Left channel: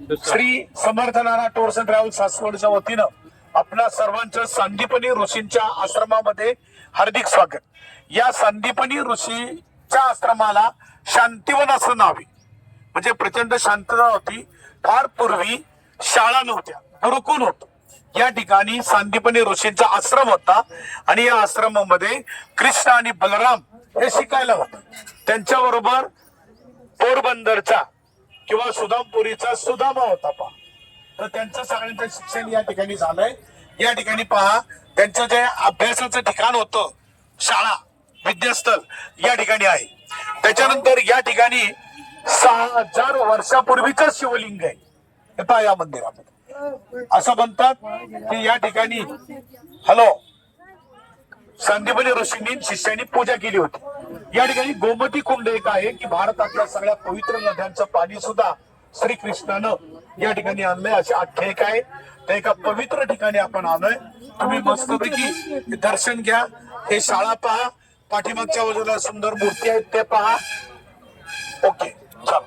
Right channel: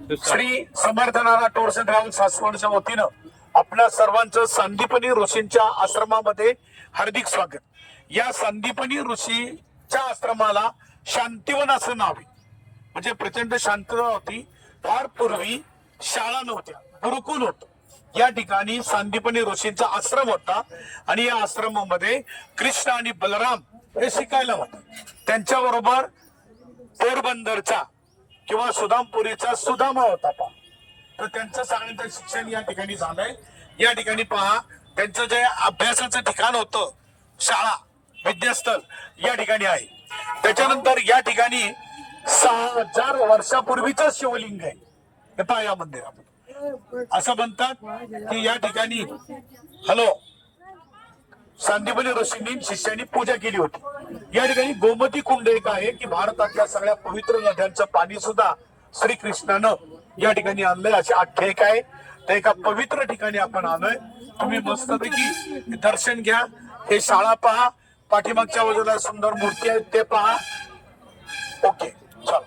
Shri समर्थनाना tours and travels सासवडच्या वतीनं आपल्या सर्वांचं संदीपनी ऋषींच्या आश्रमामध्ये हार्दिक स्वागत. या संदीपनी ऋषीच्या आश्रमाला शांतिवन असं नाव आहे. म्हणजे प्रचंड शांतता होती. फार पूर्वी शाळा नव्हत्या, गुरुकुल होत. या ठिकाणी संदीपनी ऋषींचा आश्रम होता आणि या आश्रमामध्ये कृष्ण आणि बलराम हे शिकायला होते. त्यांच्याबरोबर पोरबंदरचा किंवा सुदामपुरीचा सुदामा होता पहा. तर त्यांचं सगळ्यांचं शिक्षण या ठिकाणी झालंय. या ठिकाणी पहा त्यांचं जे अभ्यासाचं ठिकाण होतं, शाळा विद्यास्थळ या ठिकाणी आहे. त्याच्यानंतर या ठिकाणी 6000 वर्षापूर्वीच शिवलिंग आहे. हे पहा या मंदिरामध्ये. असं म्हणतात की या ठिकाणी संदीपनी ऋषींनी शिष्यांनी पूजा केली होती. या ठिकाणी गोमती कुंड एक आहे की भारतातल्या सगळ्या पवित्र नद्यांचं पाणी सुद्धा श्रीकृष्णानं या ठिकाणी आणलंय अशी आख्यायिका आहे. त्या एका पवित्र ठिकाणी आपण आलोय. तुम्ही मस्तपैकी दर्शन घ्या. हे शाळा पहा, पाठीमागच्या बाजूला सुंदर मूर्ती आहेत ते पहा. ओके, चला.